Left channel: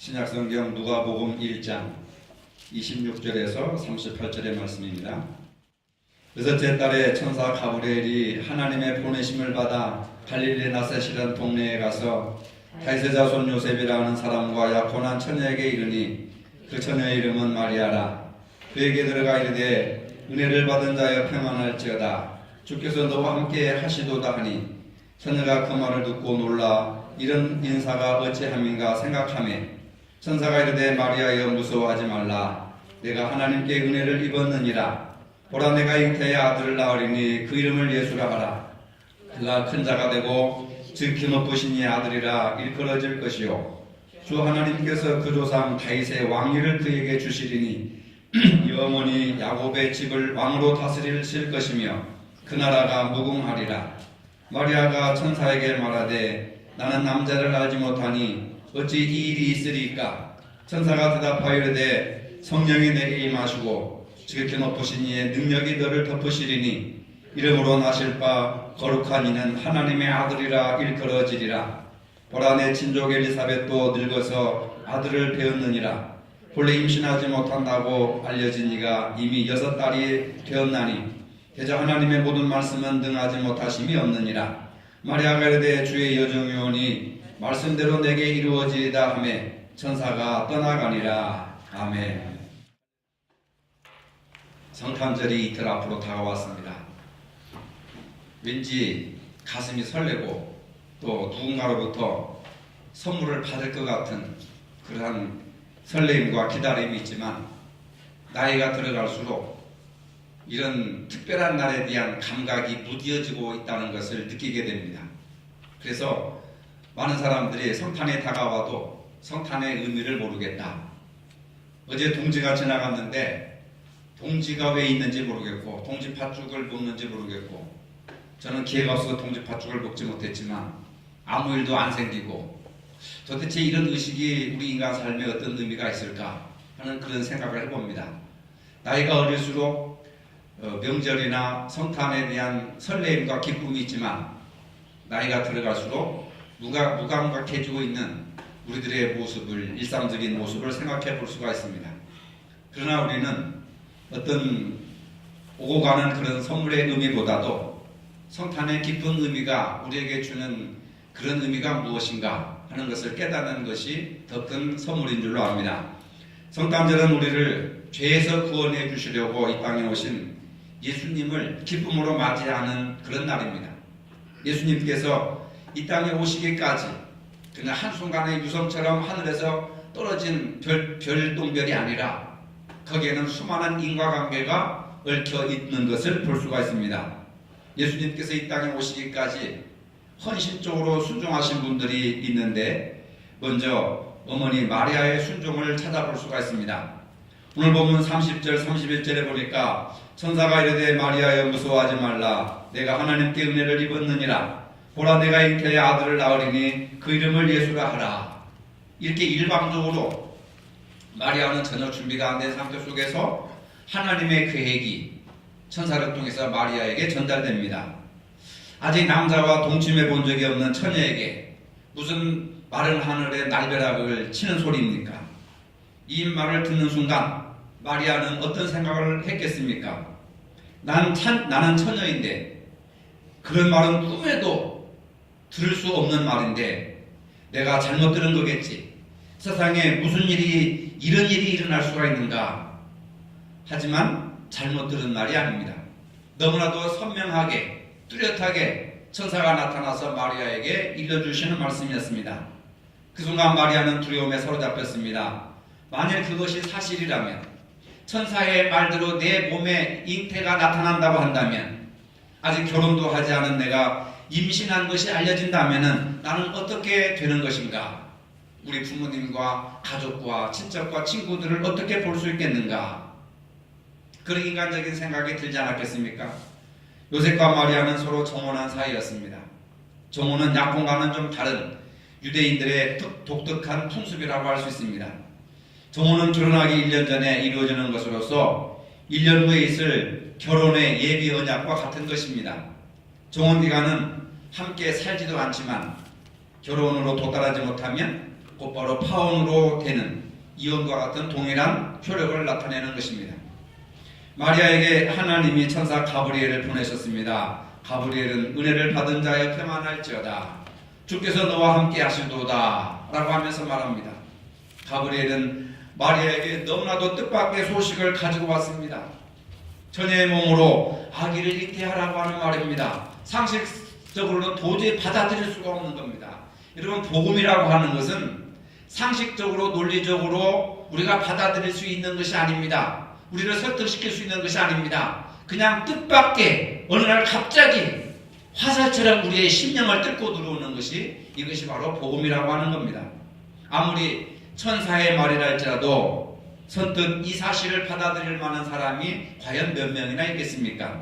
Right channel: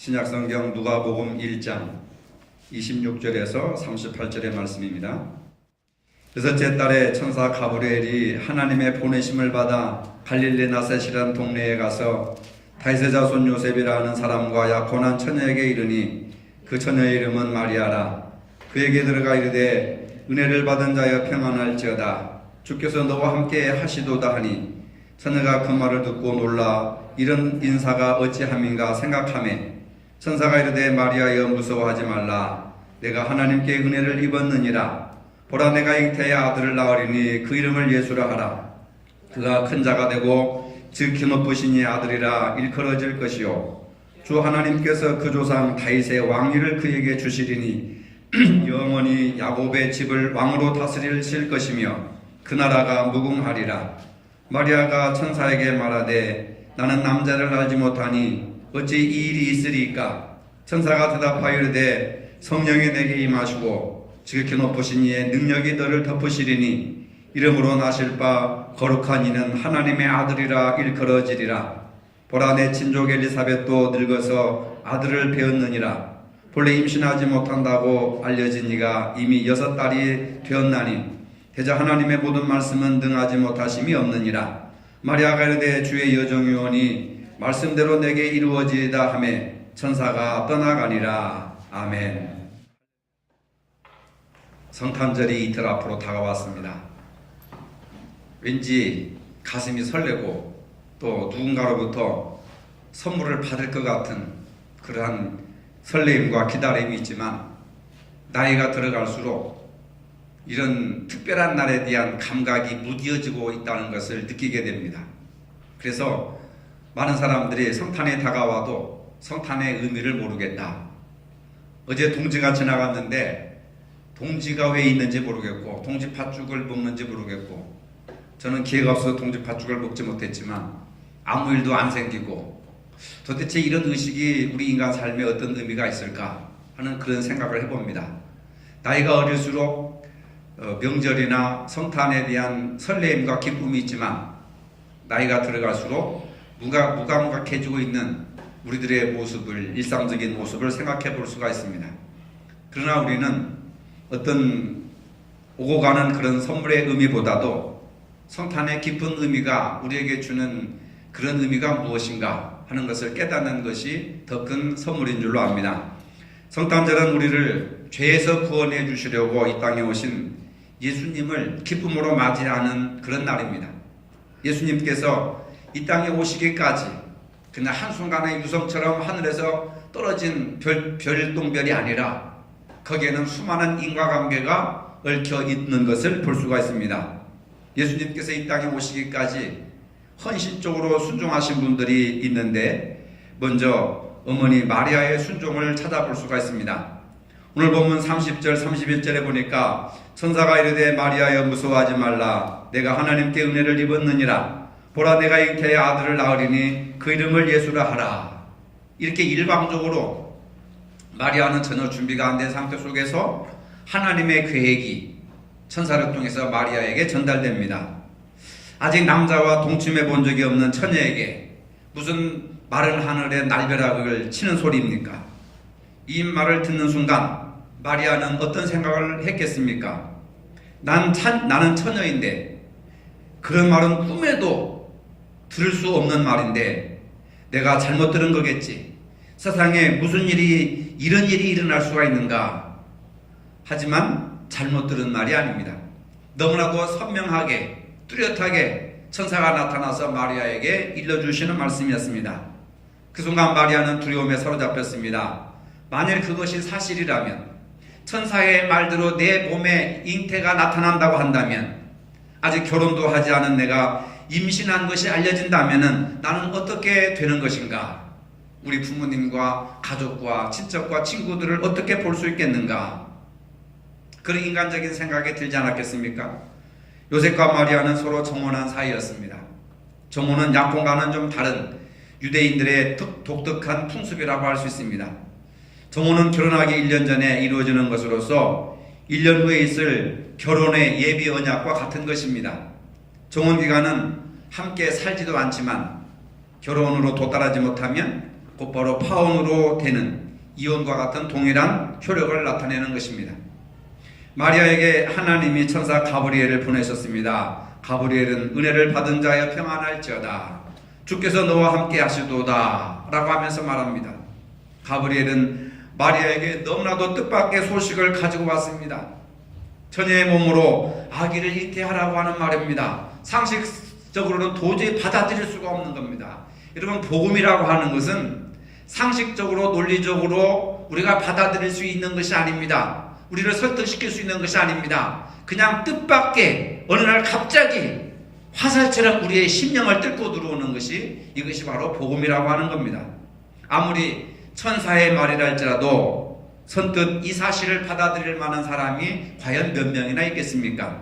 신약성경 누가복음 1장 26절에서 38절의 말씀입니다. 여섯째 달에 천사 가브리엘이 하나님의 보내심을 받아 갈릴리 나셋이라는 동네에 가서 다윗의 자손 요셉이라는 사람과 약혼한 처녀에게 이르니 그 처녀의 이름은 마리아라. 그에게 들어가 이르되 은혜를 받은 자여 평안할지어다. 주께서 너와 함께 하시도다 하니 처녀가 그 말을 듣고 놀라 이런 인사가 어찌함인가 생각하매 천사가 이르되 마리아여 무서워하지 말라. 내가 하나님께 은혜를 입었느니라. 보라 내가 잉태의 아들을 낳으리니 그 이름을 예수라 하라. 그가 큰 자가 되고 즉 기업부신 이의 아들이라 일컬어질 것이요 주 하나님께서 그 조상 다윗의 왕위를 그에게 주시리니 영원히 야곱의 집을 왕으로 다스릴 것이며 그 나라가 무궁하리라. 마리아가 천사에게 말하되 나는 남자를 알지 못하니 어찌 이 일이 있으리까? 천사가 대답하여 이르되 성령이 내게 임하시고 지극히 높으신 이의 능력이 너를 덮으시리니 이름으로 나실 바 거룩한 이는 하나님의 아들이라 일컬어지리라. 보라 내 친족 엘리사벳도 늙어서 아들을 배었느니라. 본래 임신하지 못한다고 알려진 이가 이미 6달이 되었나니 대저 하나님의 모든 말씀은 능하지 못하심이 없느니라. 마리아가 이르되 주의 여종이오니 말씀대로 내게 이루어지이다 하매 천사가 떠나가니라. 아멘. 성탄절이 이틀 앞으로 다가왔습니다. 왠지 가슴이 설레고 또 누군가로부터 선물을 받을 것 같은 그러한 설레임과 기다림이 있지만 나이가 들어갈수록 이런 특별한 날에 대한 감각이 무뎌지고 있다는 것을 느끼게 됩니다. 그래서 많은 사람들이 성탄이 다가와도 성탄의 의미를 모르겠다. 어제 동지가 지나갔는데 동지가 왜 있는지 모르겠고 동지팥죽을 먹는지 모르겠고 저는 기회가 없어서 동지팥죽을 먹지 못했지만 아무 일도 안 생기고 도대체 이런 의식이 우리 인간 삶에 어떤 의미가 있을까 하는 그런 생각을 해봅니다. 나이가 어릴수록 명절이나 성탄에 대한 설레임과 기쁨이 있지만 나이가 들어갈수록 무감각해지고 있는 우리들의 모습을, 일상적인 모습을 생각해 볼 수가 있습니다. 그러나 우리는 어떤 오고 가는 그런 선물의 의미보다도 성탄의 깊은 의미가 우리에게 주는 그런 의미가 무엇인가 하는 것을 깨닫는 것이 더 큰 선물인 줄로 압니다. 성탄절은 우리를 죄에서 구원해 주시려고 이 땅에 오신 예수님을 기쁨으로 맞이하는 그런 날입니다. 예수님께서 이 땅에 오시기까지 그냥 한순간의 유성처럼 하늘에서 떨어진 별똥별이 아니라 거기에는 수많은 인과관계가 얽혀 있는 것을 볼 수가 있습니다. 예수님께서 이 땅에 오시기까지 헌신적으로 순종하신 분들이 있는데 먼저 어머니 마리아의 순종을 찾아볼 수가 있습니다. 오늘 본문 30절 31절에 보니까 천사가 이르되 마리아여 무서워하지 말라. 내가 하나님께 은혜를 입었느니라. 보라 내가 잉태의 아들을 낳으리니 그 이름을 예수라 하라. 이렇게 일방적으로 마리아는 전혀 준비가 안 된 상태 속에서 하나님의 계획이 천사를 통해서 마리아에게 전달됩니다. 아직 남자와 동침해 본 적이 없는 처녀에게 무슨 마른 하늘의 날벼락을 치는 소리입니까? 이 말을 듣는 순간 마리아는 어떤 생각을 했겠습니까? 나는 처녀인데 그런 말은 꿈에도 들을 수 없는 말인데 내가 잘못 들은 거겠지. 세상에 무슨 일이 이런 일이 일어날 수가 있는가. 하지만 잘못 들은 말이 아닙니다. 너무나도 선명하게 뚜렷하게 천사가 나타나서 마리아에게 일러주시는 말씀이었습니다. 그 순간 마리아는 두려움에 사로잡혔습니다. 만일 그것이 사실이라면 천사의 말대로 내 몸에 잉태가 나타난다고 한다면 아직 결혼도 하지 않은 내가 임신한 것이 알려진다면 나는 어떻게 되는 것인가? 우리 부모님과 가족과 친척과 친구들을 어떻게 볼 수 있겠는가? 그런 인간적인 생각이 들지 않았겠습니까? 요셉과 마리아는 서로 정혼한 사이였습니다. 정혼은 약혼과는 좀 다른 유대인들의 독특한 풍습이라고 할 수 있습니다. 정혼은 결혼하기 1년 전에 이루어지는 것으로서 1년 후에 있을 결혼의 예비 언약과 같은 것입니다. 정혼 기간은 함께 살지도 않지만 결혼으로 도달하지 못하면 곧바로 파혼으로 되는 이혼과 같은 동일한 효력을 나타내는 것입니다. 마리아에게 하나님이 천사 가브리엘을 보내셨습니다. 가브리엘은 은혜를 받은 자여 평안할지어다. 주께서 너와 함께 하시도다 라고 하면서 말합니다. 가브리엘은 마리아에게 너무나도 뜻밖의 소식을 가지고 왔습니다. 처녀의 몸으로 아기를 잉태하라고 하는 말입니다. 상식적으로는 도저히 받아들일 수가 없는 겁니다. 여러분, 복음이라고 하는 것은 상식적으로 논리적으로 우리가 받아들일 수 있는 것이 아닙니다. 우리를 설득시킬 수 있는 것이 아닙니다. 그냥 뜻밖의 어느 날 갑자기 화살처럼 우리의 심령을 뚫고 들어오는 것이, 이것이 바로 복음이라고 하는 겁니다. 아무리 천사의 말이라 할지라도 선뜻 이 사실을 받아들일 만한 사람이 과연 몇 명이나 있겠습니까?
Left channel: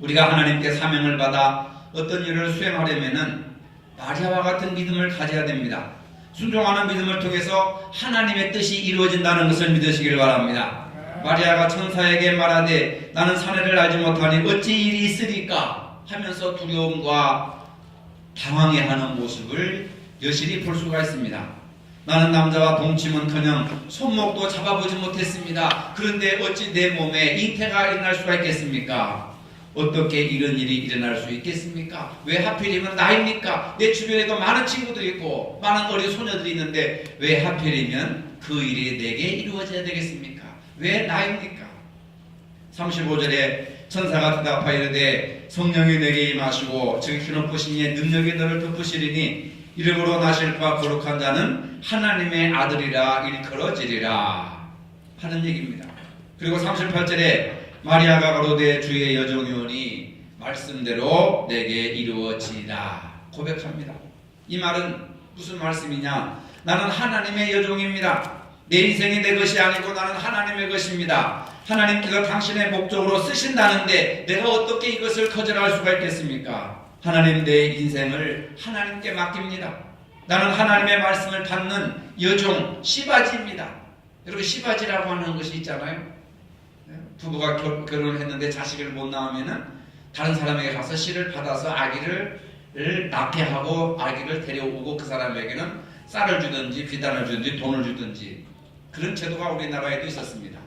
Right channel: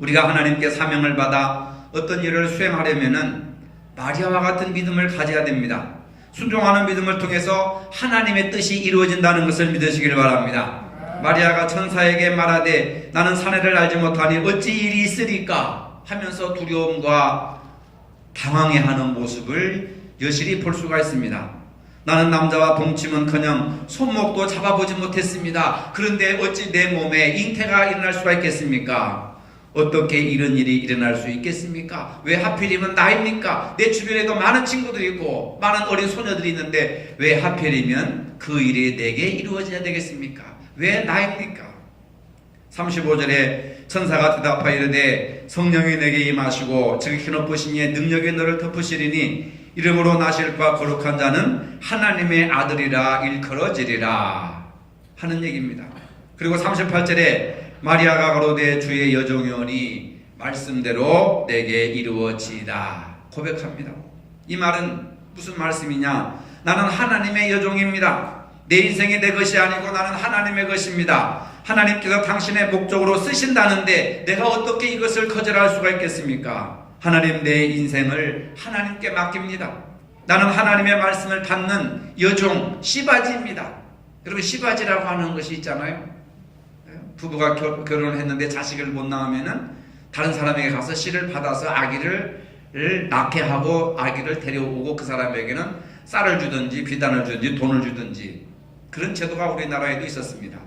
우리가 하나님께 사명을 받아 어떤 일을 수행하려면은 마리아와 같은 믿음을 가져야 됩니다. 순종하는 믿음을 통해서 하나님의 뜻이 이루어진다는 것을 믿으시기를 바랍니다. 마리아가 천사에게 말하되 나는 사내를 알지 못하니 어찌 일이 있으리까 하면서 두려움과 당황해하는 모습을 여실히 볼 수가 있습니다. 나는 남자와 동침은커녕 손목도 잡아보지 못했습니다. 그런데 어찌 내 몸에 잉태가 일어날 수가 있겠습니까? 어떻게 이런 일이 일어날 수 있겠습니까? 왜 하필이면 나입니까? 내 주변에도 많은 친구들이 있고 많은 어린 소녀들이 있는데 왜 하필이면 그 일이 내게 이루어져야 되겠습니까? 왜 나입니까? 35절에 천사가 대답하여 이르되 성령이 내게 임하시고 지극히 높으신 이의 능력이 너를 덮으시리니 이름으로 나실 바 거룩한 자는 하나님의 아들이라 일컬어지리라 하는 얘기입니다. 그리고 38절에 마리아가 가로되 주의 여종이오니 말씀대로 내게 이루어지이다 고백합니다. 이 말은 무슨 말씀이냐? 나는 하나님의 여종입니다. 내 인생이 내 것이 아니고 나는 하나님의 것입니다. 하나님께서 당신의 목적으로 쓰신다는데 내가 어떻게 이것을 거절할 수가 있겠습니까? 하나님, 내 인생을 하나님께 맡깁니다. 나는 하나님의 말씀을 받는 여종 시바지입니다. 여러분, 시바지라고 하는 것이 있잖아요. 부부가 결혼을 했는데 자식을 못 낳으면은 다른 사람에게 가서 씨를 받아서 아기를 낳게 하고 아기를 데려오고 그 사람에게는 쌀을 주든지 비단을 주든지 돈을 주든지 그런 제도가 우리나라에도 있었습니다.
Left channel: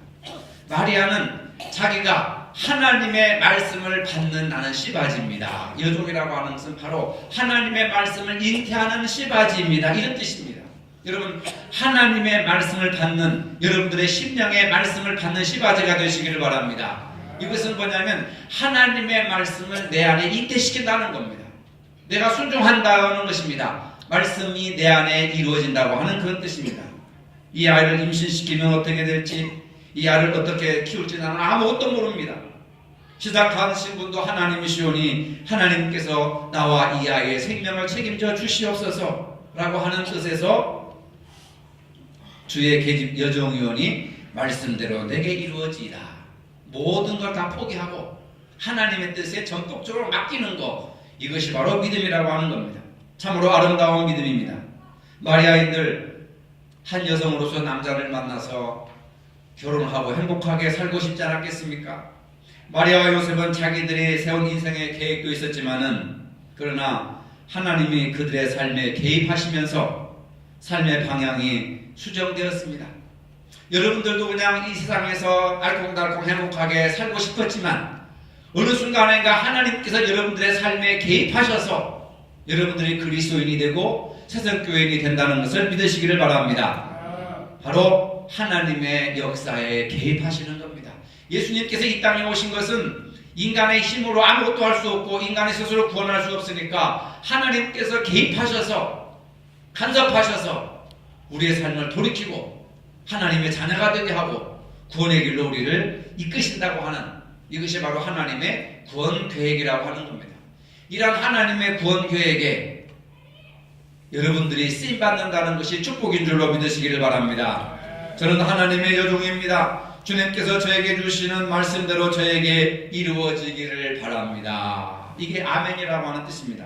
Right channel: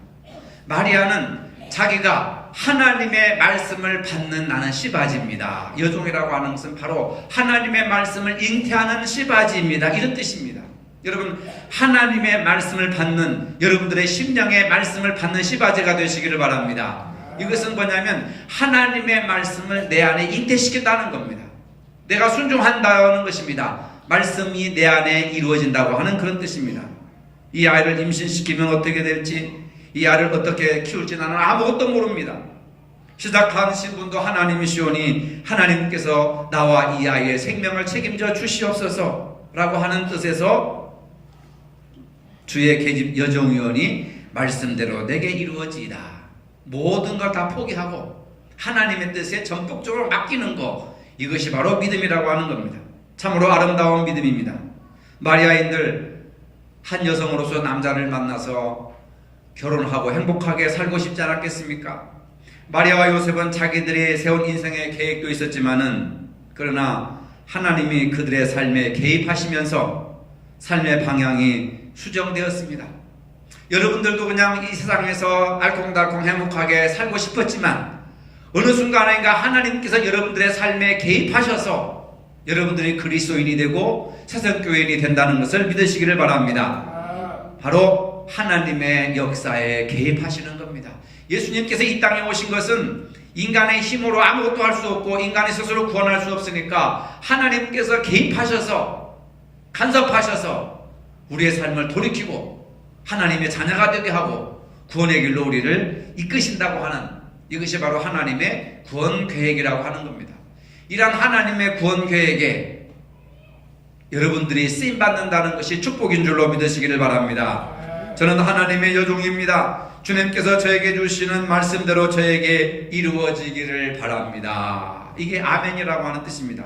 마리아는 자기가 하나님의 말씀을 받는 나는 시바지입니다. 여종이라고 하는 것은 바로 하나님의 말씀을 잉태하는 시바지입니다. 이런 뜻입니다. 여러분, 하나님의 말씀을 받는, 여러분들의 심령의 말씀을 받는 시바지가 되시기를 바랍니다. 이것은 뭐냐면 하나님의 말씀을 내 안에 잉태시킨다는 겁니다. 내가 순종한다는 것입니다. 말씀이 내 안에 이루어진다고 하는 그런 뜻입니다. 이 아이를 임신시키면 어떻게 될지, 이 아이를 어떻게 키울지 나는 아무것도 모릅니다. 시작하신 분도 하나님이시오니 하나님께서 나와 이 아이의 생명을 책임져 주시옵소서 라고 하는 뜻에서 주의 계집 여종이오니 말씀대로 내게 이루어지이다. 모든 걸 다 포기하고 하나님의 뜻에 전폭적으로 맡기는 것, 이것이 바로 믿음이라고 하는 겁니다. 참으로 아름다운 믿음입니다. 마리아인들 한 여성으로서 남자를 만나서 결혼하고 행복하게 살고 싶지 않았겠습니까? 마리아와 요셉은 자기들이 세운 인생의 계획도 있었지만은 그러나 하나님이 그들의 삶에 개입하시면서 삶의 방향이 수정되었습니다. 여러분들도 그냥 이 세상에서 알콩달콩 행복하게 살고 싶었지만 어느 순간인가 하나님께서 여러분들의 삶에 개입하셔서 여러분들이 그리스도인이 되고 새성교인이 된다는 것을 믿으시기를 바랍니다. 바로 하나님의 역사에 개입하시는 겁니다. 예수님께서 이 땅에 오신 것은 인간의 힘으로 아무것도 할 수 없고 인간이 스스로 구원할 수 없으니까 하나님께서 개입하셔서 간섭하셔서 우리의 삶을 돌이키고 하나님의 자녀가 되게 하고 구원의 길로 우리를 이끄신다고 하는, 이것이 바로 하나님의 구원 계획이라고 하는 겁니다. 이러한 하나님의 구원 계획에 여러분들이 쓰임받는다는 것이 축복인 줄로 믿으시기를 바랍니다. 저는 하나님의 여종입니다. 주님께서 저에게 주시는 말씀대로 저에게 이루어지기를 바랍니다. 이게 아멘이라고 하는 뜻입니다.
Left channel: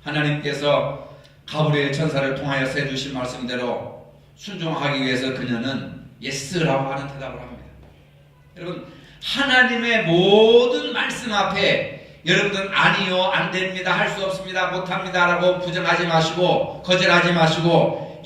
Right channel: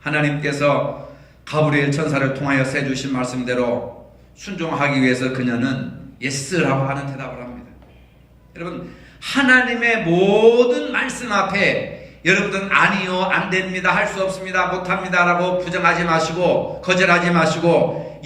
하나님께서 가브리엘 천사를 통하여 세주신 말씀대로 순종하기 위해서 그녀는 예스라고 하는 대답을 합니다. 여러분, 하나님의 모든 말씀 앞에 여러분들은 아니요, 안 됩니다, 할 수 없습니다, 못합니다 라고 부정하지 마시고 거절하지 마시고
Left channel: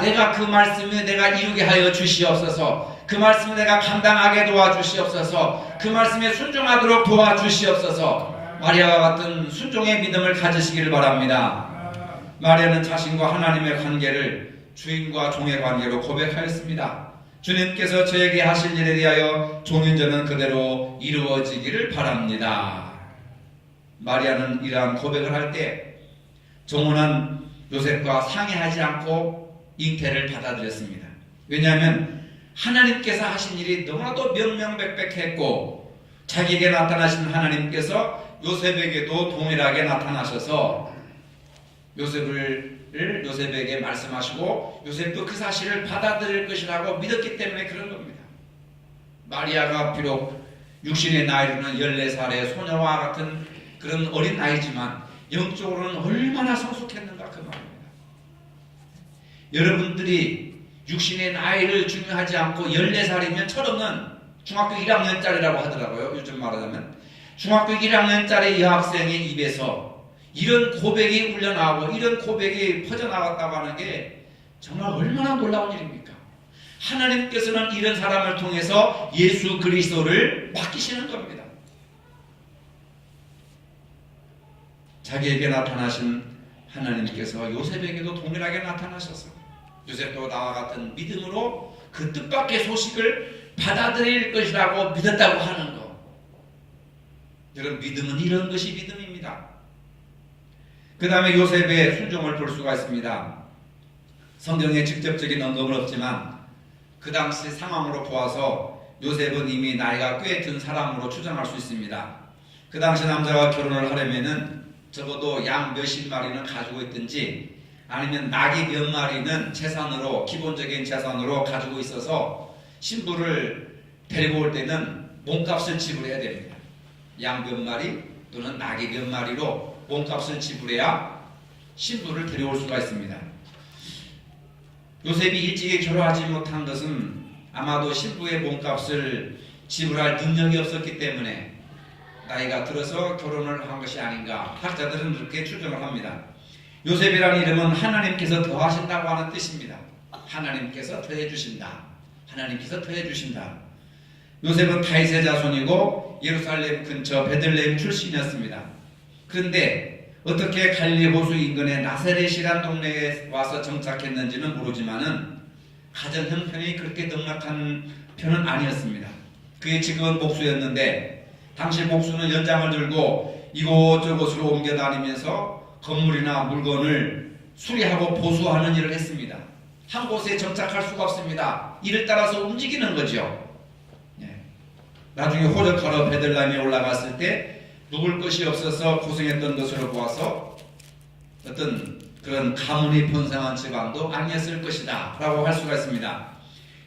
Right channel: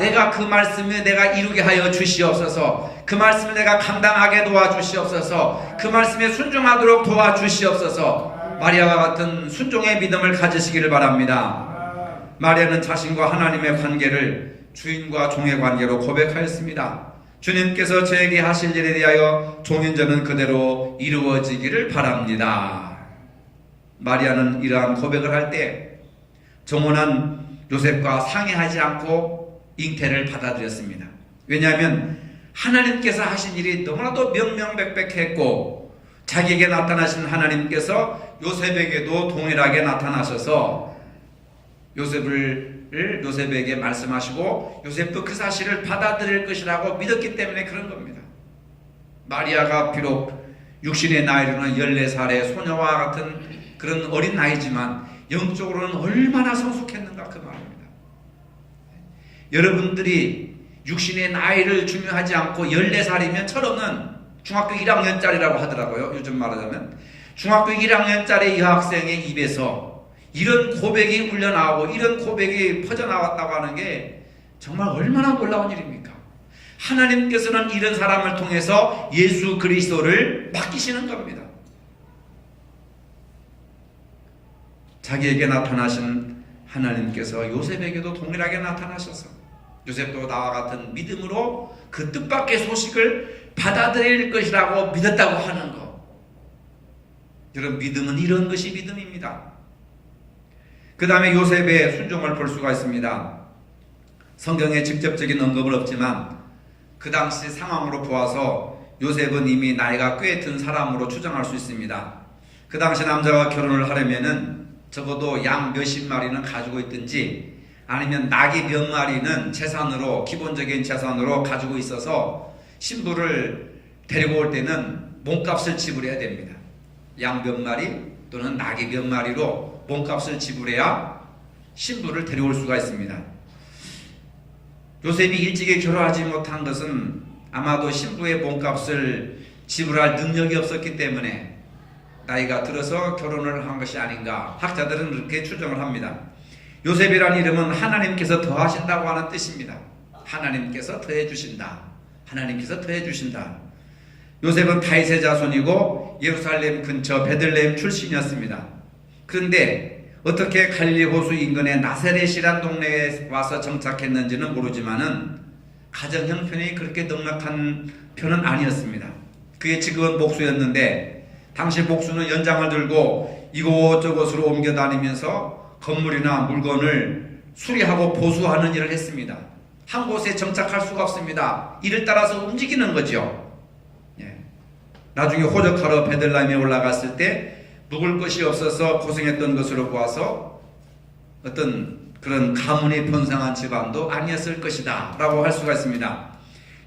내가 그 말씀에 내가 이루게 하여 주시옵소서. 그 말씀을 내가 감당하게 도와주시옵소서. 그 말씀에 순종하도록 도와주시옵소서. 마리아와 같은 순종의 믿음을 가지시기를 바랍니다. 마리아는 자신과 하나님의 관계를 주인과 종의 관계로 고백하였습니다. 주님께서 저에게 하실 일에 대하여 종인전은 그대로 이루어지기를 바랍니다. 마리아는 이러한 고백을 할 때 정혼한 요셉과 상의하지 않고 잉태를 받아들였습니다. 왜냐하면 하나님께서 하신 일이 너무나도 명명백백했고 자기에게 나타나신 하나님께서 요셉에게도 동일하게 나타나셔서 요셉에게 말씀하시고 요셉도 그 사실을 받아들일 것이라고 믿었기 때문에 그런 겁니다. 마리아가 비록 육신의 나이로는 14살의 소녀와 같은 그런 어린 나이지만 영적으로는 얼마나 성숙했는가 그 말입니다. 여러분들이 육신의 나이를 중요하지 않고 14살이면 철없는 중학교 1학년짜리라고 하더라고요. 요즘 말하자면 중학교 1학년짜리 여학생의 입에서 이런 고백이 울려나오고 이런 고백이 퍼져나왔다고 하는 게 정말 얼마나 놀라운 일입니까? 하나님께서는 이런 사람을 통해서 예수 그리스도를 맡기시는 겁니다. 자기에게 나타나신 하나님께서 요셉에게도 동일하게 나타나셔서 요셉도 나와 같은 믿음으로 그 뜻밖의 소식을 받아들일 것이라고 믿었다고 하는 것. 여러분, 믿음은 이런 것이 믿음입니다. 그 다음에 요셉의 순종을 볼 수가 있습니다. 성경에 직접적인 언급은 없지만 그 당시 상황으로 보아서 요셉은 이미 나이가 꽤 든 사람으로 추정할 수 있습니다. 그 당시 남자와 결혼을 하려면은 적어도 양 몇십 마리는 가지고 있든지 아니면 낙이 몇 마리는 재산으로, 기본적인 재산으로 가지고 있어서 신부를 데리고 올 때는 몸값을 지불해야 됩니다. 양 몇 마리 또는 낙이 몇 마리로 몸값을 지불해야 신부를 데려올 수가 있습니다. 요셉이 일찍이 결혼하지 못한 것은 아마도 신부의 몸값을 지불할 능력이 없었기 때문에 나이가 들어서 결혼을 한 것이 아닌가, 학자들은 그렇게 추정을 합니다. 요셉이라는 이름은 하나님께서 더하신다고 하는 뜻입니다. 하나님께서 더해주신다. 하나님께서 더해주신다. 요셉은 다윗의 자손이고 예루살렘 근처 베들레헴 출신이었습니다. 그런데 어떻게 갈릴리 호수 인근의 나세렛이란 동네에 와서 정착했는지는 모르지만은 가정 형편이 그렇게 넉넉한 편은 아니었습니다. 그의 직업은 목수였는데 당시 목수는 연장을 들고 이곳저곳으로 옮겨 다니면서 건물이나 물건을 수리하고 보수하는 일을 했습니다. 한 곳에 정착할 수가 없습니다. 이를 따라서 움직이는 거죠. 나중에 호적하러 베들레헴에 올라갔을 때 묵을 것이 없어서 고생했던 것으로 보아서 어떤 그런 가문이 번성한 집안도 아니었을 것이다 라고 할 수가 있습니다.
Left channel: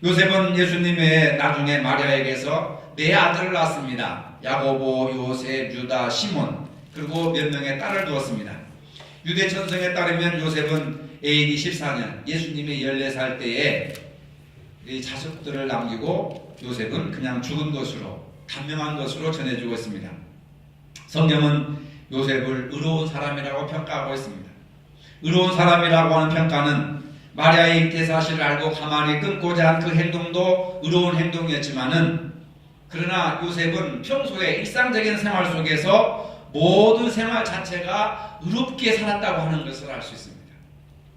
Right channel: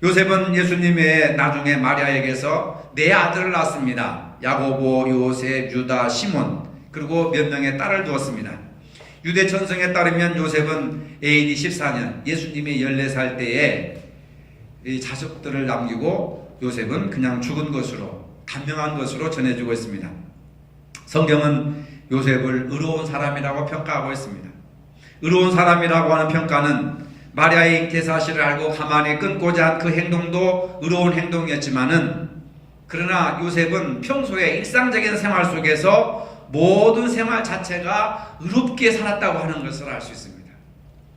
요셉은 예수님 외에 나중에 마리아에게서 네 아들을 낳았습니다. 야고보, 요셉, 유다, 시몬, 그리고 몇 명의 딸을 두었습니다. 유대 천성에 따르면 요셉은 AD 14년 예수님이 14살 때에 이 자식들을 남기고 요셉은 그냥 죽은 것으로, 단명한 것으로 전해지고 있습니다. 성경은 요셉을 의로운 사람이라고 평가하고 있습니다. 의로운 사람이라고 하는 평가는 마리아의 잉태 사실을 알고 가만히 끊고자 한 그 행동도 의로운 행동이었지만은, 그러나 요셉은 평소에 일상적인 생활 속에서 모든 생활 자체가 의롭게 살았다고 하는 것을 알 수 있습니다.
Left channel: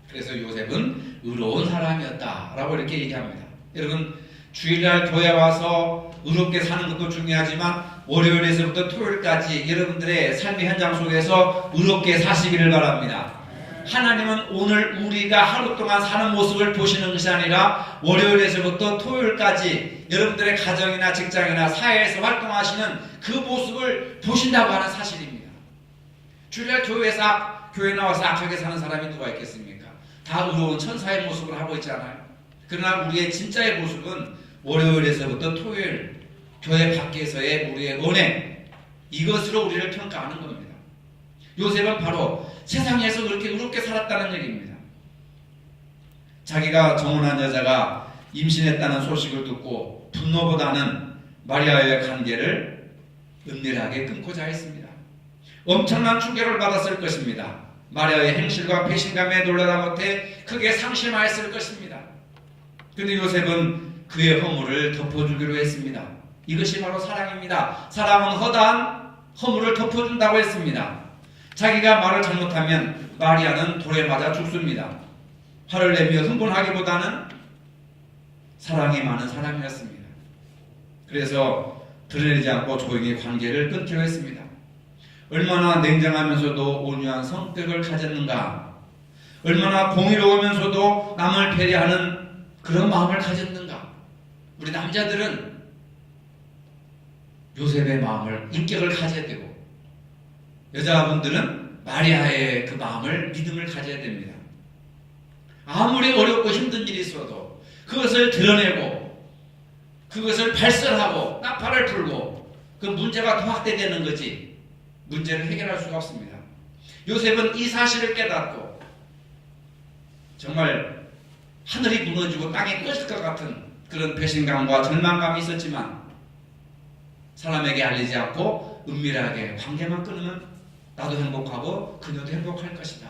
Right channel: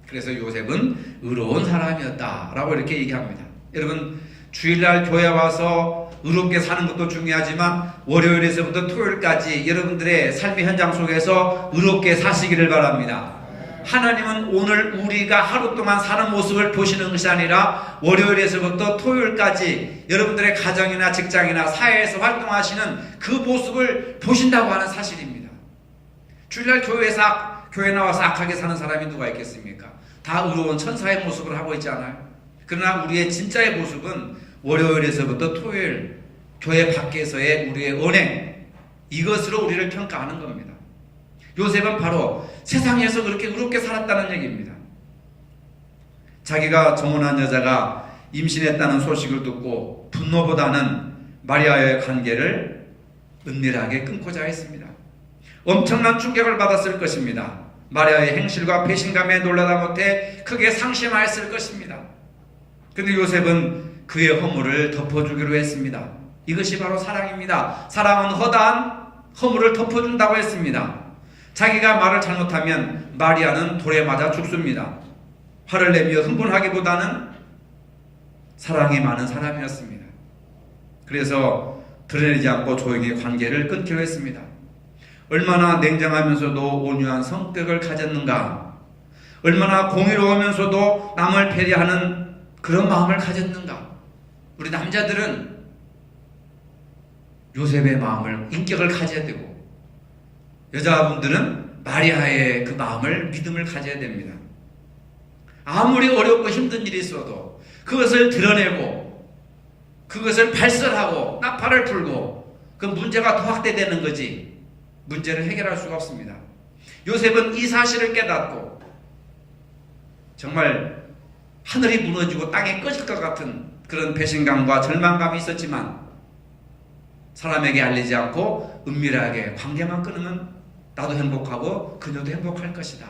그래서 요셉은 의로운 사람이었다라고 이렇게 얘기합니다. 여러분, 주일날 교회 와서 의롭게 사는 것도 중요하지만 월요일에서부터 토요일까지 여러분들의 삶의 현장 속에서 의롭게 사시기를 바랍니다. 하나님은 오늘 우리가 하루 동안 사는 모습을 보시는 것이 아니라 월요일에서부터 토요일까지 여러분들의 가정이나 직장이나 사회에서 활동하시는 그 모습을 보신다고 하는 사실입니다. 주일날 교회 나와서 악하게 사는 사람이 누가 있겠습니까? 다 의로운 천사의 모습을 하고 있지 않아요? 그러나 우리의 진짜의 모습은 월요일에서부터 토요일 교회 밖에서의 우리의 언행, 이것으로 우리를 평가하는 겁니다. 요셉은 바로 세상에서 그렇게 의롭게 살았다는 얘기입니다. 자기가 정혼한 여자가 임신했다는 소식을 듣고 분노보다는 마리아의 관계를 은밀하게 끊고자 했습니다. 엄청난 충격을 받았을 것입니다. 마리아의 행실과 배신감에 놀라다 못해 크게 상심하였을 것입니다. 근데 요셉은 그의 허물을 덮어주기로 했습니다. 이것이 바로 사랑입니다. 사랑은 허다한 허물을 덮어준다고 했습니다. 자기가 말을 잘못하면 마리아는 돌에 맞아 죽습니다. 화를 내며 흥분하기보다는 사랑이 많은 사람이었습니다. 그래서 드러내지 않고 조용히 관계를 끊기로 했습니다. 얼마나 냉정하면서도 온유한 성격을 가졌는가, 얼마나 공의로우면서도 남을 배려하는 그런 마음을 가졌는가. 우리 남자들은 요셉의 마음을, 인격을 가져야 되고, 여자분들은 마리아의 그 마음을, 믿음을 가져야 됩니다. 아무리 어렵고 힘든 일이 있어도 그것을 드러내고 그것을 발설하고 나팔을 불고 그 문제가 더 확대되는 거지 문제를 해결할 수가 없습니다. 요셉은 이 사실을 깨닫고 정말 하늘이 무너지고 땅이 꺼질 것 같은 그런 배신감과 절망감이 있었지만 사람에게 알리지 않고 은밀하게 관계만 끊으면 나도 행복하고 그녀도 행복할 것이다.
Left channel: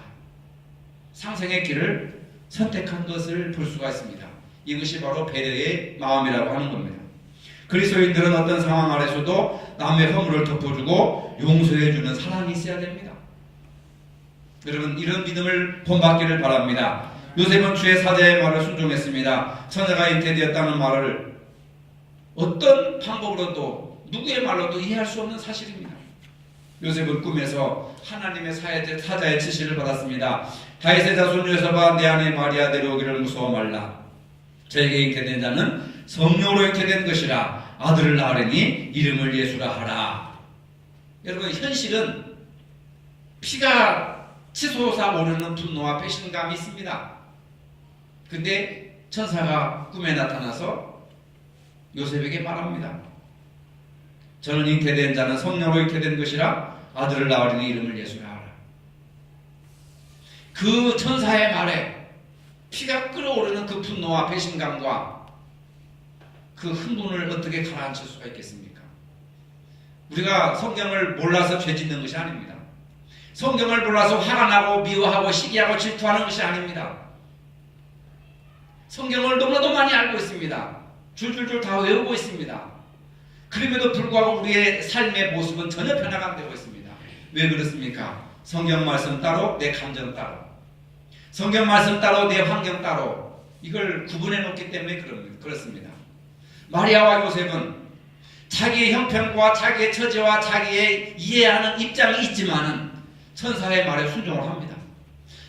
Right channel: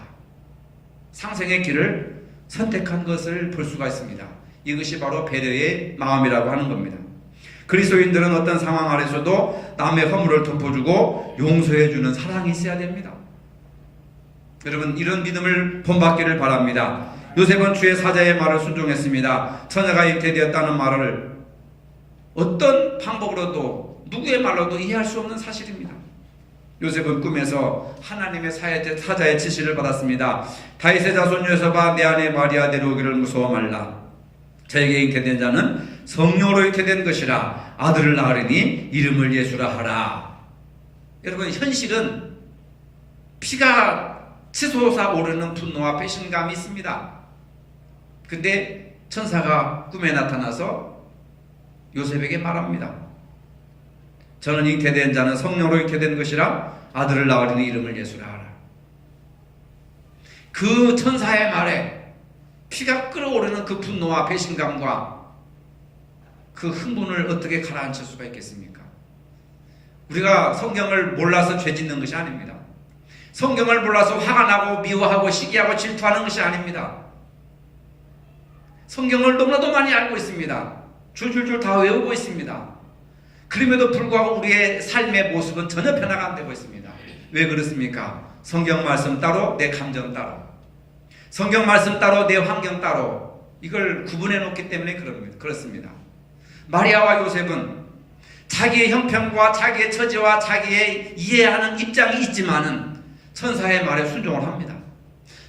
상생의 길을 선택한 것을 볼 수가 있습니다. 이것이 바로 배려의 마음이라고 하는 겁니다. 그리스도인들은 어떤 상황 아래서도 남의 허물을 덮어주고 용서해주는 사랑이 있어야 됩니다. 여러분, 이런 믿음을 본받기를 바랍니다. 요셉은 주의 사자의 말을 순종했습니다. 천사가 잉태되었다는 말을 어떤 방법으로도 누구의 말로도 이해할 수 없는 사실입니다. 요셉은 꿈에서 하나님의 사자의 지시를 받았습니다. 다윗의 자손 요셉아, 내 아내 마리아 데려오기를 무서워 말라. 저에게 잉태된 자는 성령으로 잉태된 것이라. 아들을 낳으리니 이름을 예수라 하라. 여러분, 현실은 피가 치솟아 오르는 분노와 배신감이 있습니다. 근데 천사가 꿈에 나타나서 요셉에게 말합니다. 저는 잉태된 자는 성령으로 잉태된 것이라. 아들을 낳으리니 이름을 예수라 하라. 그 천사의 말에 피가 끓어오르는 그 분노와 배신감과 그 흥분을 어떻게 가라앉힐 수가 있겠습니까? 우리가 성경을 몰라서 죄 짓는 것이 아닙니다. 성경을 몰라서 화가 나고 미워하고 시기하고 질투하는 것이 아닙니다. 성경을 너무나도 많이 알고 있습니다. 줄줄줄 다 외우고 있습니다. 그럼에도 불구하고 우리의 삶의 모습은 전혀 변화가 안 되고 있습니다. 왜 그렇습니까? 성경 말씀 따로, 내 감정 따로. 성경 말씀 따로, 내 환경 따로. 이걸 구분해 놓기 때문에 그렇습니다. 마리아와 요셉은 자기의 형편과 자기의 처지와 자기의 이해하는 입장이 있지만은 천사의 말에 순종을 합니다.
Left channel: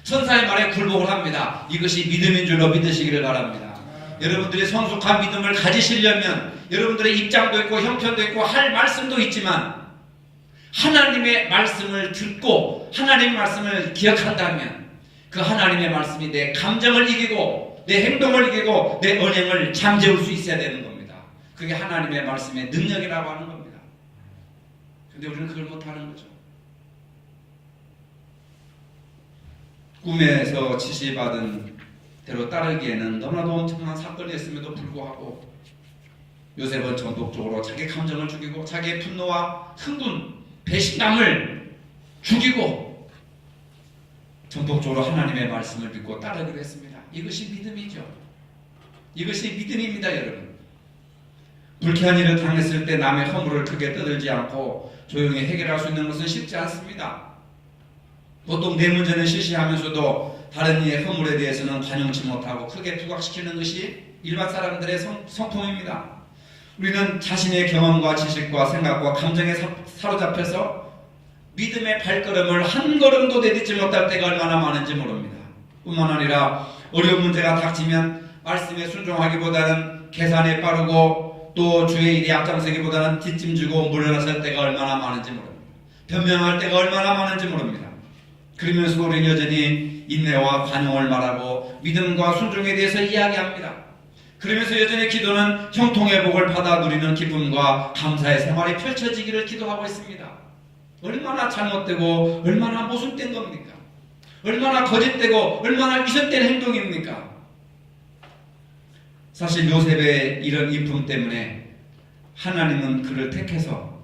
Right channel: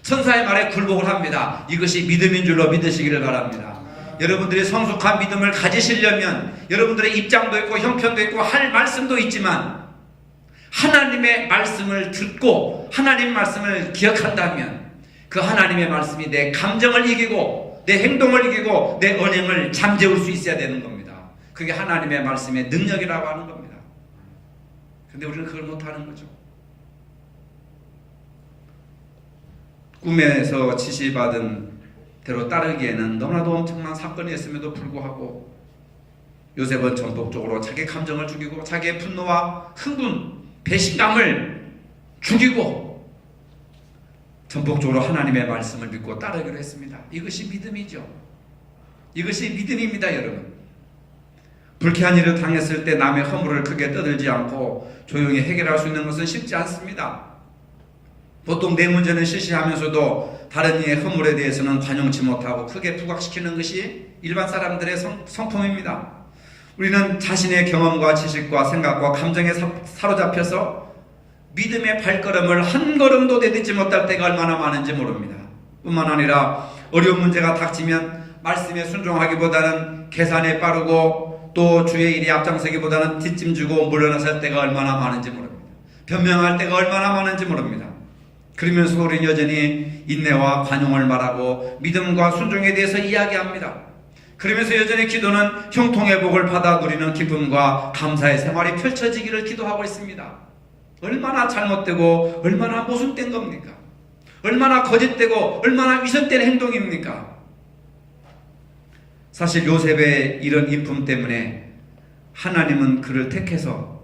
천사의 말에 굴복을 합니다. 이것이 믿음인 줄로 믿으시기를 바랍니다. 여러분들이 성숙한 믿음을 가지시려면 여러분들의 입장도 있고 형편도 있고 할 말씀도 있지만 하나님의 말씀을 듣고 하나님 말씀을 기억한다면 그 하나님의 말씀이 내 감정을 이기고 내 행동을 이기고 내 언행을 잠재울 수 있어야 되는 겁니다. 그게 하나님의 말씀의 능력이라고 하는 겁니다. 그런데 우리는 그걸 못하는 거죠. 꿈에서 지시받은 대로 따르기에는 너무나도 엄청난 사건이었음에도 불구하고 요셉은 전폭적으로 자기 감정을 죽이고 자기의 분노와 흥분, 배신감을 죽이고 전폭적으로 하나님의 말씀을 믿고 따르기로 했습니다. 이것이 믿음이죠. 이것이 믿음입니다, 여러분. 불쾌한 일을 당했을 때 남의 허물을 크게 떠들지 않고 조용히 해결할 수 있는 것은 쉽지 않습니다. 보통 내 문제는 시시하면서도 다른 이의 허물에 대해서는 관용치 못하고 크게 부각시키는 것이 일반 사람들의 성품입니다. 우리는 자신의 경험과 지식과 생각과 감정에 사로잡혀서 믿음의 발걸음을 한 걸음도 내딛지 못할 때가 얼마나 많은지 모릅니다. 뿐만 아니라 어려운 문제가 닥치면 말씀에 순종하기보다는 계산에 빠르고 또 주의 일이 앞장서기보다는 뒷짐지고 물러나설 때가 얼마나 많은지 모릅니다. 변명할 때가 얼마나 많은지 모릅니다. 그러면서 우리 여전히 인내와 관용을 말하고 믿음과 순종에 대해서 이야기합니다. 그러면서 여전히 기도는 형통의 복을 받아 누리는 기쁨과 감사의 생활이 펼쳐지기를 기도하고 있습니다. 얼마나 잘못되고 얼마나 모순된 겁니까? 얼마나 거짓되고 얼마나 위선된 행동입니까? 사실 요셉의 이런 인품 때문에 하나님은 그를 택해서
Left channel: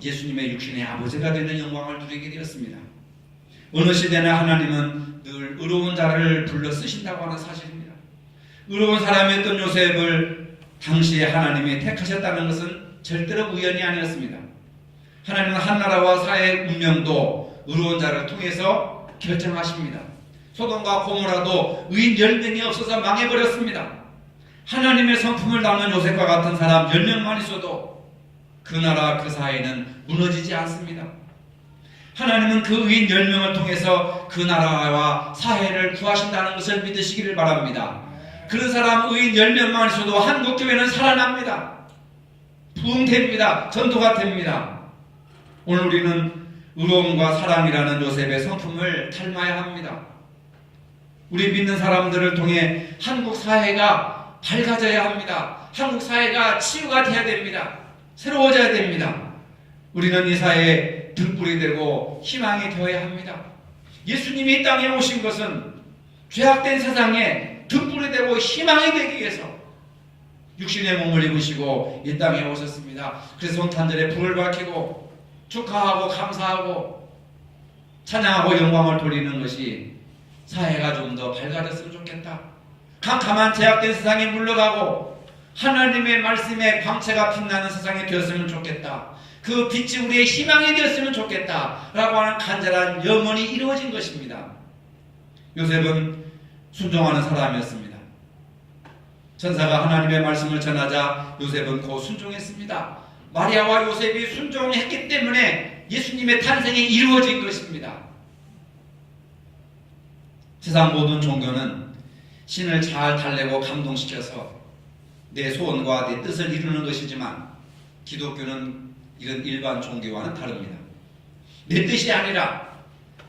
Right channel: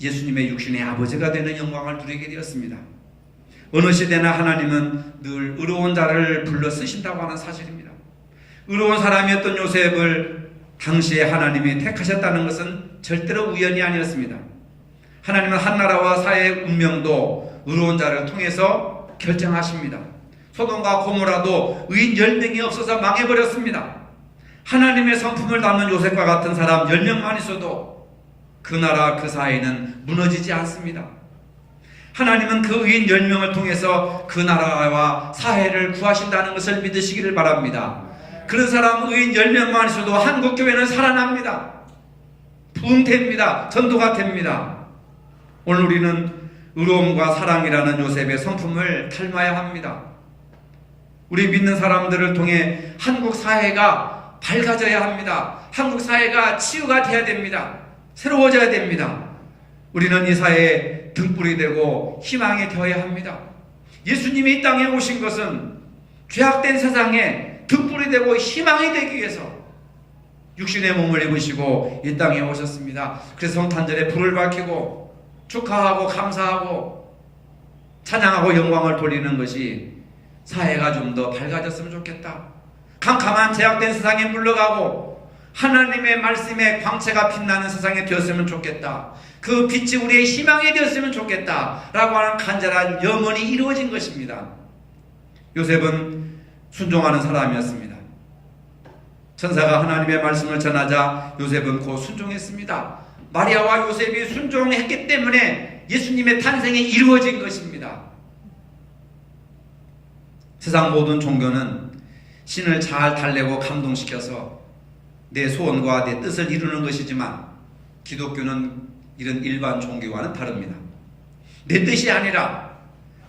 예수님의 육신의 아버지가 되는 영광을 누리게 되었습니다. 어느 시대나 하나님은 늘 의로운 자를 불러 쓰신다고 하는 사실입니다. 의로운 사람이었던 요셉을 당시에 하나님이 택하셨다는 것은 절대로 우연이 아니었습니다. 하나님은 한나라와 사회의 운명도 의로운 자를 통해서 결정하십니다. 소돔과 고모라도 의인 10명이 없어서 망해버렸습니다. 하나님의 성품을 담는 요셉과 같은 사람 10명만 있어도 그 나라 그 사회는 무너지지 않습니다. 하나님은 그 의인 10명을 통해서 그 나라와 사회를 구하신다는 것을 믿으시기를 바랍니다. 그런 사람 의인 10명만 있어도 한국교회는 살아납니다. 부흥됩니다. 전도가 됩니다. 오늘 우리는 의로움과 사랑이라는 요셉의 성품을 닮아야 합니다. 우리 믿는 사람들을 통해 한국 사회가 밝아져야 합니다. 한국 사회가 치유가 돼야 됩니다. 새로워져야 됩니다. 우리는 이 사회에 등불이 되고 희망이 되어야 합니다. 예수님이 이 땅에 오신 것은 죄악된 세상에 등불이 되고 희망이 되기 위해서 육신의 몸을 입으시고 이 땅에 오셨습니다. 그래서 성탄절에 불을 밝히고 축하하고 감사하고 찬양하고 영광을 돌리는 것이 사회가 좀 더 밝아졌으면 좋겠다. 캄캄한 제약된 세상에 물러가고 하나님의 말씀에 광채가 빛나는 세상이 되었으면 좋겠다. 그 빛이 우리의 희망이 되었으면 좋겠다 라고 하는 간절한 염원이 이루어진 것입니다. 요셉은 순종하는 사람이었습니다. 천사가 하나님의 말씀을 전하자 요셉은 곧 순종했습니다. 마리아와 요셉이 순종했기 때문에 예수님의 탄생이 이루어진 것입니다. 세상 모든 종교는 신을 잘 달래고 감동시켜서 내 소원과 내 뜻을 이루는 것이지만 기독교는 이런 일반 종교와는 다릅니다. 내 뜻이 아니라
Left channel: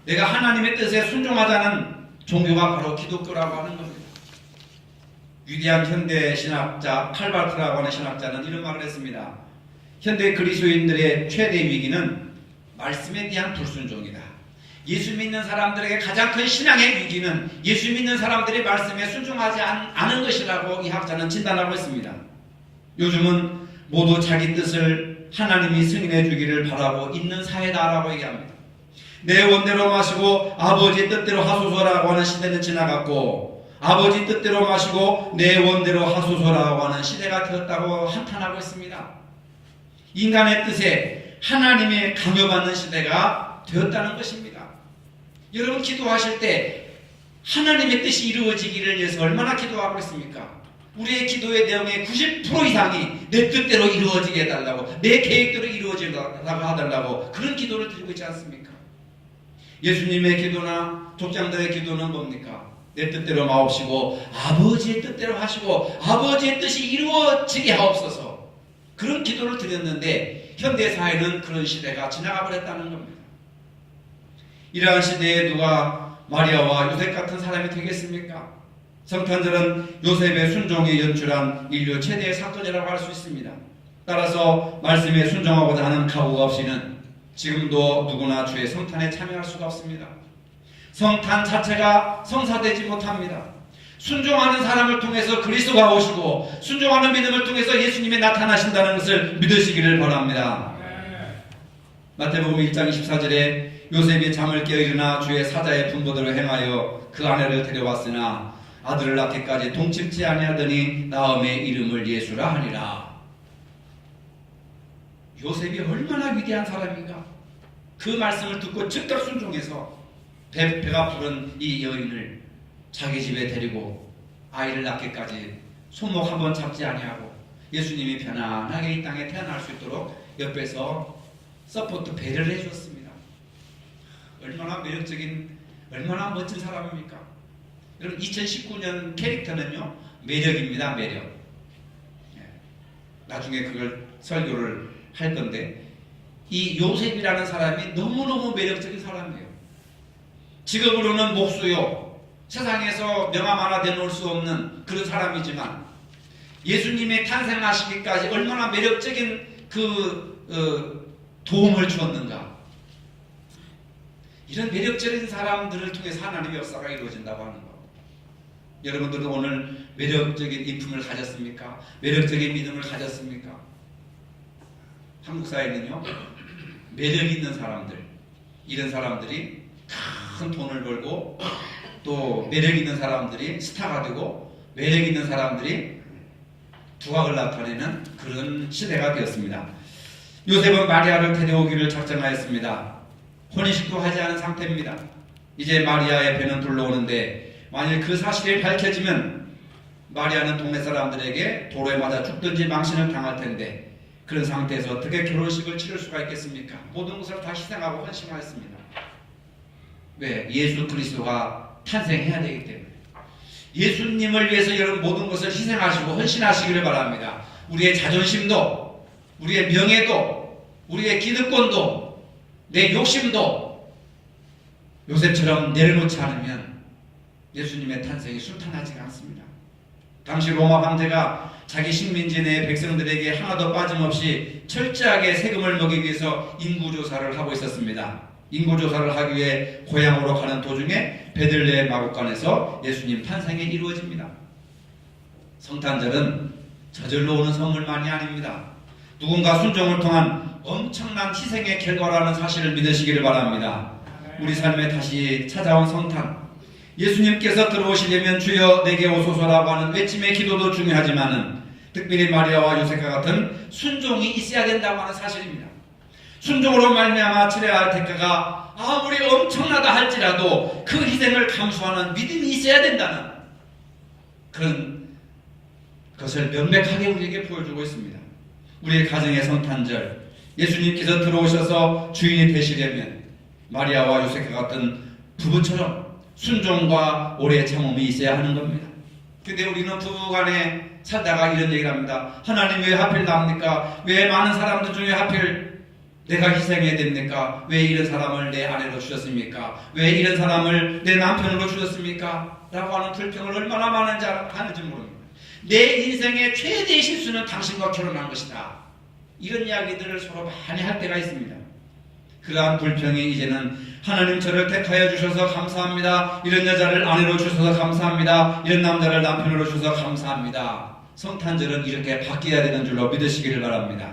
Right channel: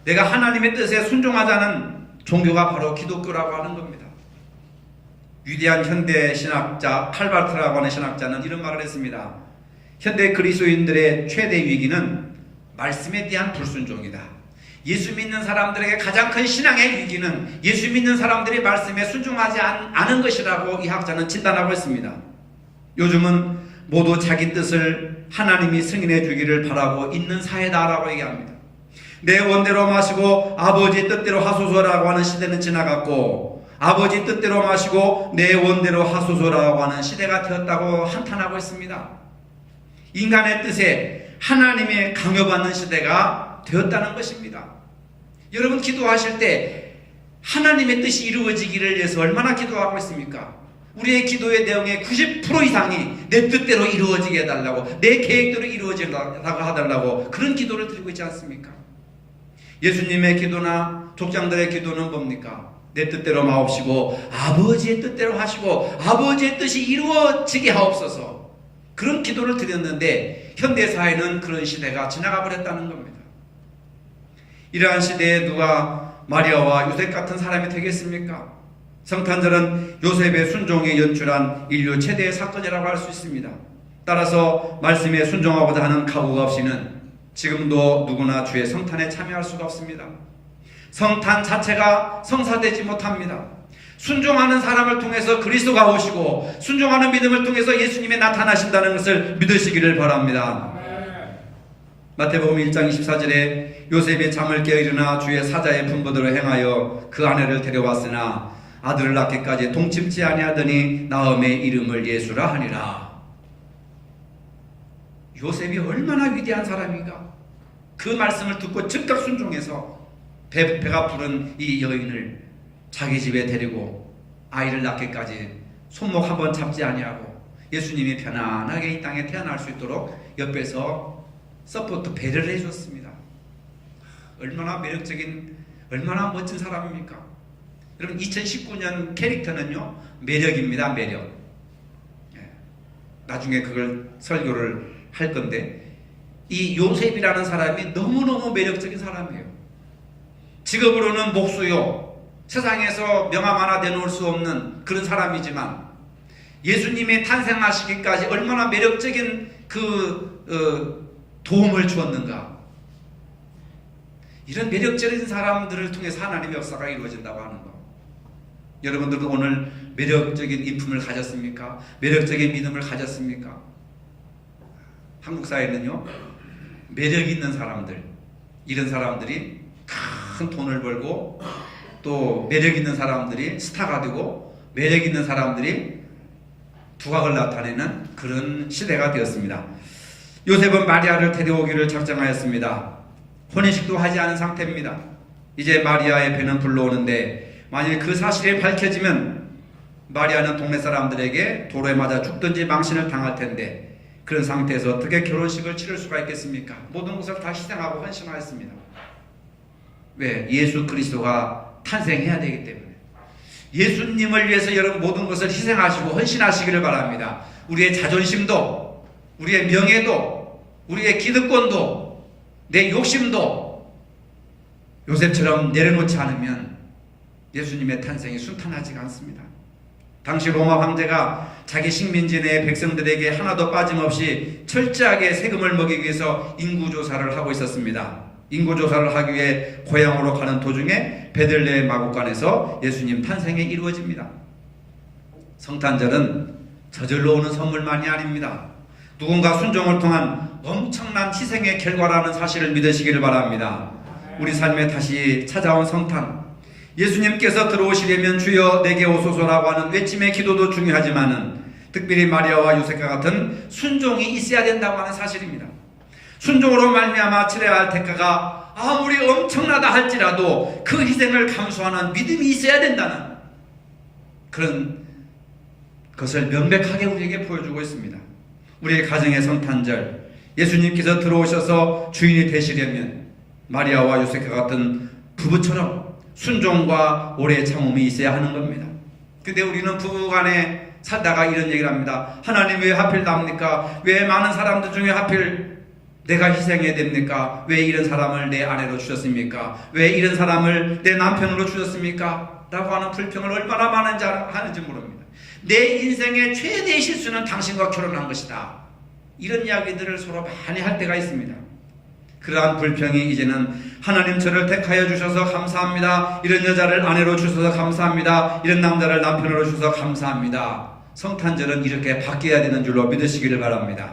내가 하나님의 뜻에 순종하자는 종교가 바로 기독교라고 하는 겁니다. 위대한 현대 신학자 칼바르트라고 하는 신학자는 이런 말을 했습니다. 현대 그리스도인들의 최대 위기는 말씀에 대한 불순종이다. 예수 믿는 사람들에게 가장 큰 신앙의 위기는 예수 믿는 사람들이 말씀에 순종하지 않은 것이라고 이 학자는 진단하고 있습니다. 요즘은 모두 자기 뜻을 하나님이 승인해 주기를 바라고 있는 사회다라고 얘기합니다. 내 원대로 마시고 아버지 뜻대로 하소서라고 하는 시대는 지나갔고 아버지 뜻대로 마시고 내 원대로 하소서라고 하는 시대가 되었다고 한탄하고 있습니다. 인간의 뜻에 하나님의 강요받는 시대가 되었다는 것입니다. 여러분 기도하실 때 하나님의 뜻이 이루어지기를 위해서 얼마나 기도하고 있습니까? 우리의 기도의 내용의 90% 이상이 내 뜻대로 이루어지게 해달라고, 내 계획대로 이루어지라고 해달라고 그런 기도를 드리고 있지 않습니까? 예수님의 기도나 족장들의 기도는 뭡니까? 내 뜻대로 마옵시고 아버지의 뜻대로 하시고 아버지의 뜻이 이루어지게 하옵소서. 그런 기도를 드렸는데 현대사회는 그런 시대가 지나가 버렸다는 겁니다. 이러한 시대에 누가 마리아와 요셉 같은 사람이 되겠습니까? 성탄절은 요셉의 순종에 연출한 인류 최대의 사건이라고 할 수 있습니다. 따라서 말씀에 순종하고자 하는 각오가 없이는 지금도 누구나 주의 성탄에 참여할 수가 없습니다. 성탄 자체가 성사되지 못합니다. 순종하는 사람을 통해서 그리스도가 오시고 순종하는 믿음을 통해서 예수님이 나타나신다는 것을 믿으시기를 바랍니다. 마태복음 1장 24절에 요셉이 잠을 깨어 일어나 주의 사자의 분부대로 행하여 그 아내를 데려왔으나 아들을 낳기까지 동침치 아니하더니 나음의 이름을 예수라 하니라. 요셉이 얼마나 위대한 사람인가. 그 말씀을 듣고 즉각 순종해서 배가 부른 이 여인을 자기 집에 데리고 아이를 낳기까지 손목 한번 잡지 아니하고 예수님이 편안하게 이 땅에 태어날 수 있도록 옆에서 서포트 배려를 해줬습니다. 얼마나 매력적인, 얼마나 멋진 사람입니까? 여러분 2019년 캐릭터는요 매력입니다. 매력. 나중에 그걸 설교를 할 건데 이 요셉이라는 사람이 너무너무 매력적인 사람이에요. 직업으로는 목수요, 세상에서 명함 하나 내놓을 수 없는 그런 사람이지만 예수님의 탄생하시기까지 얼마나 매력적인 도움을 주었는가. 이런 매력적인 사람들을 통해서 하나님의 역사가 이루어진다고 하는 것. 여러분들도 오늘 매력적인 인품을 가졌습니까? 매력적인 믿음을 가졌습니까? 한국 사회는요 매력 있는 사람들, 이런 사람들이 큰 돈을 벌고 또 매력 있는 사람들이 스타가 되고 매력 있는 사람들이 두각을 나타내는 그런 시대가 되었습니다. 요셉은 마리아를 데려오기를 작정하였습니다. 혼인식도 하지 않은 상태입니다. 이제 마리아의 배는 불러오는데 만일 그 사실이 밝혀지면 마리아는 동네 사람들에게 도로에 맞아 죽든지 망신을 당할 텐데 그런 상태에서 어떻게 결혼식을 치를 수가 있겠습니까? 모든 것을 다 희생하고 헌신하였습니다. 왜? 예수 그리스도가 탄생해야 되기 때문에. 예수님을 위해서 여러분 모든 것을 희생하시고 헌신하시기를 바랍니다. 우리의 자존심도, 우리의 명예도, 우리의 기득권도, 내 욕심도 요셉처럼 내려놓지 않으면 예수님의 탄생이 순탄하지가 않습니다. 당시 로마 황제가 자기 식민지 내 백성들에게 하나도 빠짐없이 철저하게 세금을 먹이기 위해서 인구조사를 하고 있었습니다. 인구조사를 하기 위해 고향으로 가는 도중에 베들레헴 마국간에서 예수님 탄생이 이루어집니다. 성탄절은 저절로 오는 선물만이 아닙니다. 누군가 순종을 통한 엄청난 희생의 결과라는 사실을 믿으시기를 바랍니다. 우리 삶에 다시 찾아온 성탄, 예수님께서 들어오시려면 주여 내게 오소서라고 하는 외침의 기도도 중요하지만은 특별히 마리아와 요셉과 같은 순종이 있어야 된다고 하는 사실입니다. 순종으로 말미암아 치러야 할 대가가 아무리 엄청나다 할지라도 그 희생을 감수하는 믿음이 있어야 된다는 그런 것을 명백하게 우리에게 보여주고 있습니다. 우리의 가정의 성탄절, 예수님께서 들어오셔서 주인이 되시려면 마리아와 요셉과 같은 부부처럼 순종과 오래 참음이 있어야 하는 겁니다. 근데 우리는 부부간에 살다가 이런 얘기를 합니다. 하나님 왜 하필 납니까? 왜 많은 사람들 중에 하필 내가 희생해야 됩니까? 왜 이런 사람을 내 아내로 주셨습니까? 왜 이런 사람을 내 남편으로 주셨습니까? 라고 하는 불평을 얼마나 많은지 하는지 모릅니다. 내 인생의 최대의 실수는 당신과 결혼한 것이다. 이런 이야기들을 서로 많이 할 때가 있습니다. 그러한 불평이 이제는 하나님 저를 택하여 주셔서 감사합니다. 이런 여자를 아내로 주셔서 감사합니다. 이런 남자를 남편으로 주셔서 감사합니다. 성탄절은 이렇게 바뀌어야 되는 줄로 믿으시기를 바랍니다.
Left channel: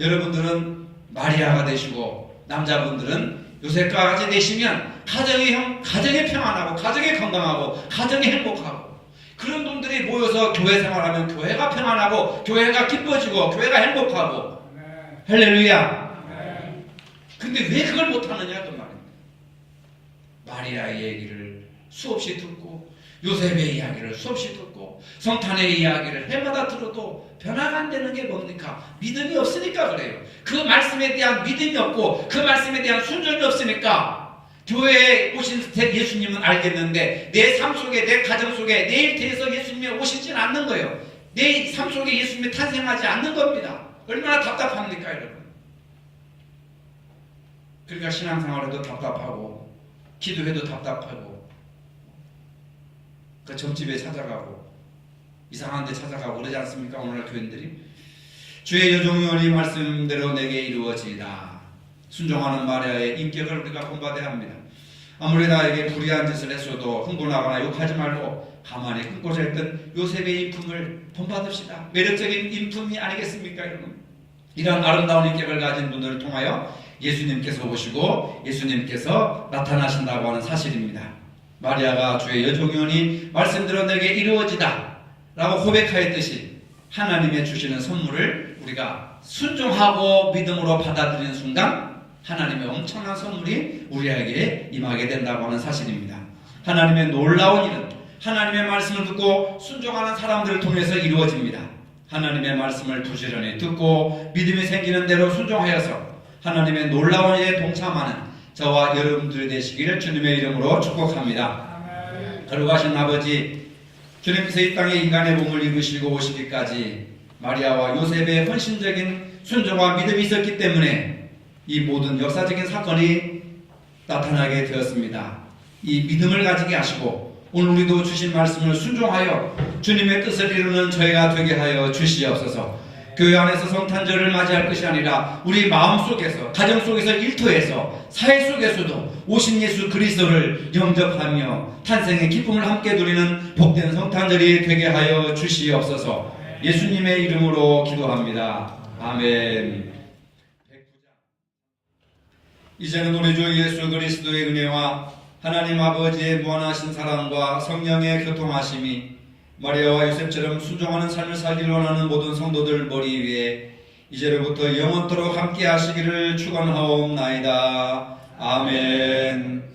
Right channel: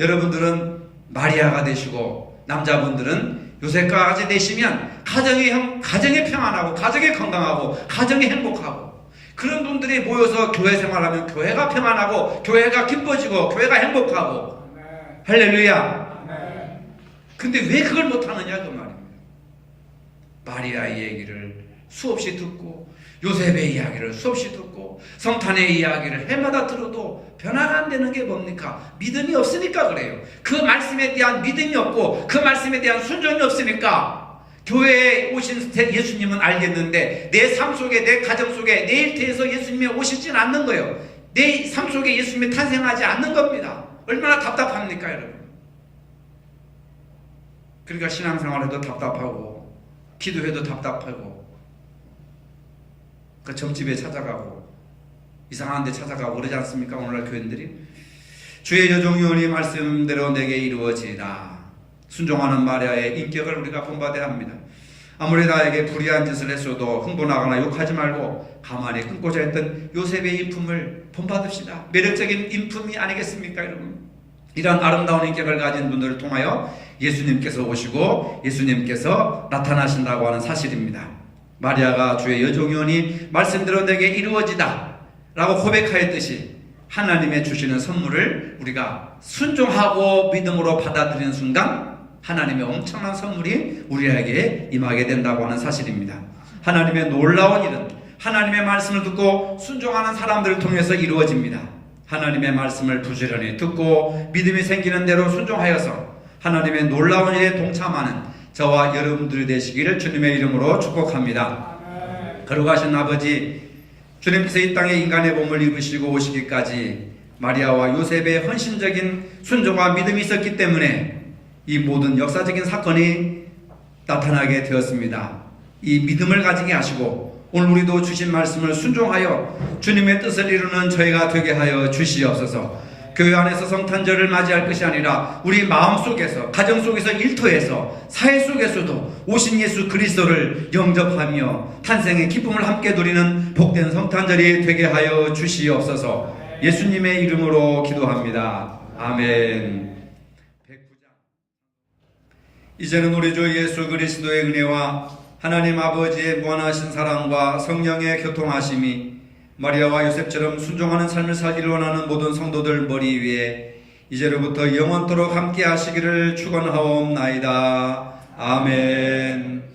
여러분들은 마리아가 되시고 남자분들은 요셉과 같이 되시면 가정이 평안하고 가정이 건강하고 가정이 행복하고 그런 분들이 모여서 교회 생활하면 교회가 평안하고 교회가 기뻐지고 교회가 행복하고 할렐루야. 근데 왜 그걸 못하느냐 그 말입니다. 마리아의 얘기를 수없이 듣고 요셉의 이야기를 수없이 듣고 성탄의 이야기를 해마다 들어도 변화가 안 되는 게 뭡니까? 믿음이 없으니까 그래요. 그 말씀에 대한 믿음이 없고 그 말씀에 대한 순종이 없으니까 교회에 오신 예수님은 알겠는데 내 삶 속에 내 가정 속에 내 일터에서 예수님이 오시지는 않는 거예요. 내 삶 속에 예수님이 탄생하지 않는 겁니다. 얼마나 답답합니까 여러분? 그러니까 신앙생활해도 답답하고 기도해도 답답하고 그 점집에 찾아가고 이상한 데 찾아가고 그러지 않습니까? 오늘날 교인들이 주의 여종이오니 말씀대로 내게 이루어지리다. 순종하는 마리아의 인격을 우리가 본받아야 합니다. 아무리 나에게 불의한 짓을 했어도 흥분하거나 욕하지 말고 가만히 끊고자 했던 요셉의 인품을 본받읍시다. 매력적인 인품이 아니겠습니까 여러분? 이런 아름다운 인격을 가진 분들을 통하여 예수님께서 오시고 예수님께서 나타나신다고 하는 사실입니다. 마리아가 주의 여종이오니 말씀대로 내게 이루어지다 라고 고백하였듯이 하나님의 주시는 선물을 우리가 순종하고 믿음으로 받아들이는 순간 하나님의 엄청난 선물이 우리에게 임하게 된다고 하는 사실입니다. 하나님의 놀라운 일은 하나님의 말씀을 듣고 순종하는 사람들을 통해서 이루어집니다. 하나님의 말씀을 부지런히 듣고 믿음이 생기는 대로 순종하여서 하나님의 놀라운 일에 동참하는 저와 여러분들이 되시기를 주님의 이름으로 축복합니다. 거룩하신 아버지, 주님께서 이 땅에 인간의 몸을 입으시고 오시기까지 마리아와 요셉의 헌신적인 순종과 믿음이 있었기 때문에 이 모든 역사적인 사건이 나타나게 되었습니다. 이 믿음을 가지게 하시고 오늘 우리도 주신 말씀을 순종하여 주님의 뜻을 이루는 저희가 되게 하여 주시옵소서. 교회 안에서 성탄절을 맞이할 것이 아니라 우리 마음속에서 가정 속에서 일터에서 사회 속에서도 오신 예수 그리스도를 영접하며 탄생의 기쁨을 함께 누리는 복된 성탄절이 되게 하여 주시옵소서. 예수님의 이름으로 기도합니다. 아멘. 이제는 우리 주 예수 그리스도의 은혜와 하나님 아버지의 무한하신 사랑과 성령의 교통하심이 마리아와 요셉처럼 순종하는 삶을 살기를 원하는 모든 성도들 머리 위에 이제로부터 영원토록 함께 하시기를 축원하옵나이다. 아멘.